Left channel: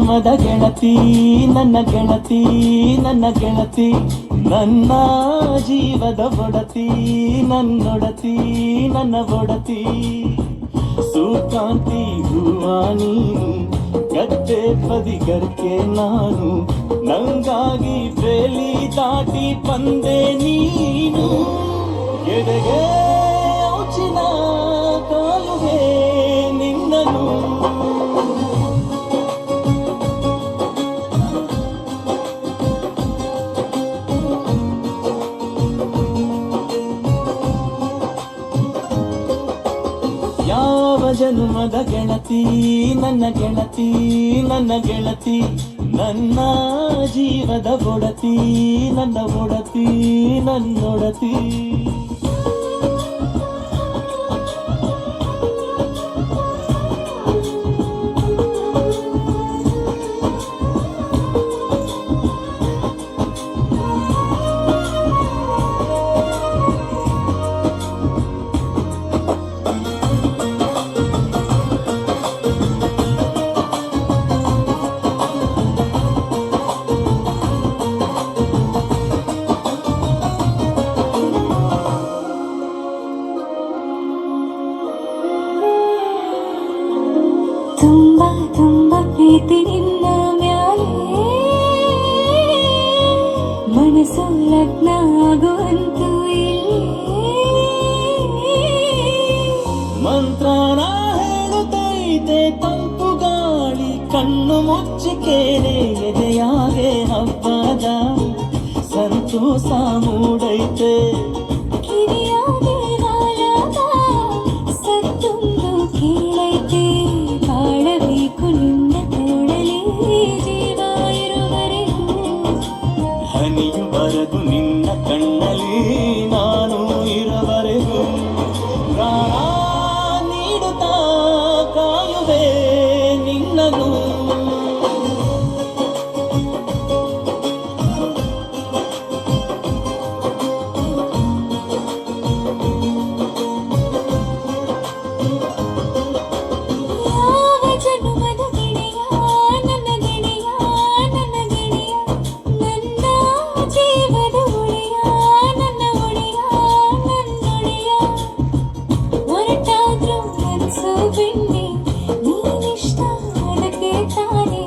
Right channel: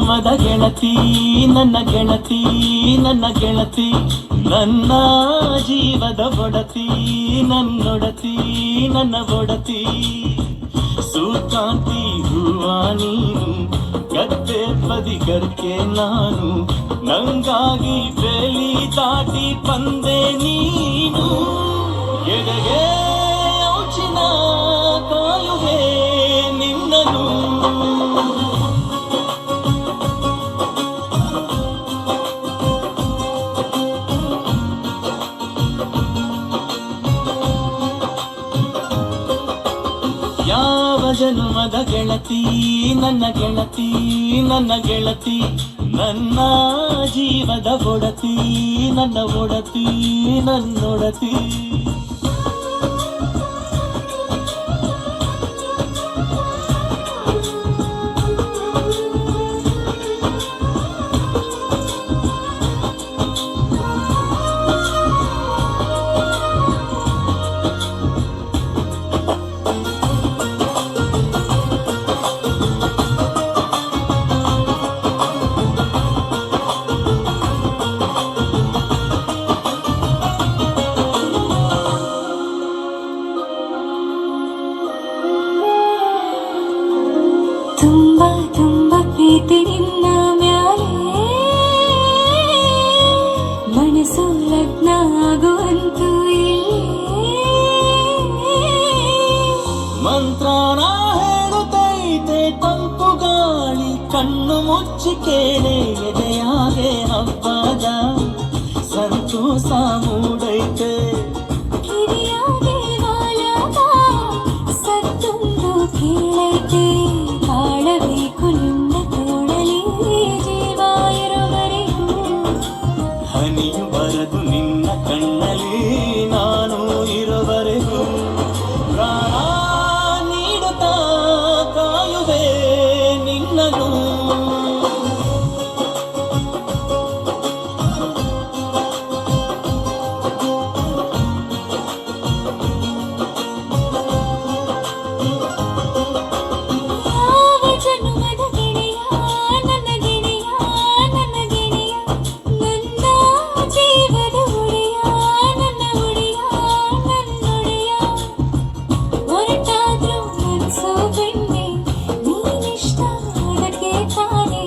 ಜನುಮದ ಗೆಳತಿ ನನ್ನ ಗೆಳತಿ ನನ್ನ ಗೆಳತಿ ನನ್ನ ಜೀವದ ಒಡತಿ ನನ್ನೊಡತಿ ನನ್ನ ಒಡತಿ ಸೂರ್ಕಾಂತಿ ಹೂವ ನೀನು ಗದ್ದೆ ಬದಿಗರ್ಕೆ ನಾನು ನಂಗಾಗಿ ಬೇಲಿ ದಾಟಿ ಬಂದೆ ನೀನು ಎಡೆಗೆ ಔಚಿನ ಕಾಯುವೆ ನಿನ್ನನು ಯಾವ ಜನುಮದ ಗೆಳತಿ ನನ್ನ ಗೆಳತಿ ನನ್ನ ಗೆಳತಿ ನನ್ನ ಜೀವದ ಒಡತಿ ನನ್ನ ಒಡತಿ ನನ್ನೊಡತಿ ತುಂಬ ತುಂಬ ಪ್ರೀತಿ ನಿನ್ನ ಮ್ಯಾಲೆ ಮನಸ್ಸು ಲಗ್ನ ಆಗುವಂತೂ ಮಂತ್ರನ ಹೇಳುತ್ತೈತೆ ತಂಪು ಗಾಳಿ ಕಣ್ಣು ಮುಚ್ಚಿ ಕೇಳೆ ಎದೆಯಾಗೆ ಹಬ್ಬದ ಸಂತೋಷ ಮೂಡೈತೆ ಕಿರಿಯಾದೆ ನಾಳದ ಸತ್ತೊಂದು ಕೇಳೈತೆ ಬಾಳಬೇಕು ನಿನ್ನ ತೋಳಲಿ ಜೀವ ಇರುವರೆಗೂ ಹನಿಯು ಬರದು ನಿನ್ನ ಕಣ್ಣಲ್ಲಿ ನಾನು ಇರುವರೆಗೂ ಪ್ರಾಣ ನೀಡುತ್ತಾ ಕಾಯುವೆ ನಿನ್ನನು ಯಾವ ಜನುಮದ ಗೆಳೆಯ ನನ್ನ ಗೆಳೆಯ ನನ್ನ ಗೆಳೆಯ ನನ್ನ ಜೀವದ ಒಡೆಯ ನನ್ನ ಒಡೆಯ ನನ್ನೊಡೆಯ ಹೊರಟಾದ್ರೂ ಮನಸ್ಸು ಬೆಣ್ಣೆ ನೀನಿಷ್ಟ ಅದಕ್ಕೆ ತಾನೆ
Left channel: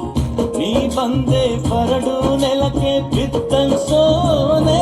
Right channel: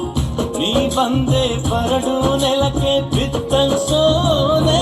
ನೀ ಬಂದೆ ಬರಡು ನೆಲಕ್ಕೆ ಬಿತ್ತನ್ಸೋನೆ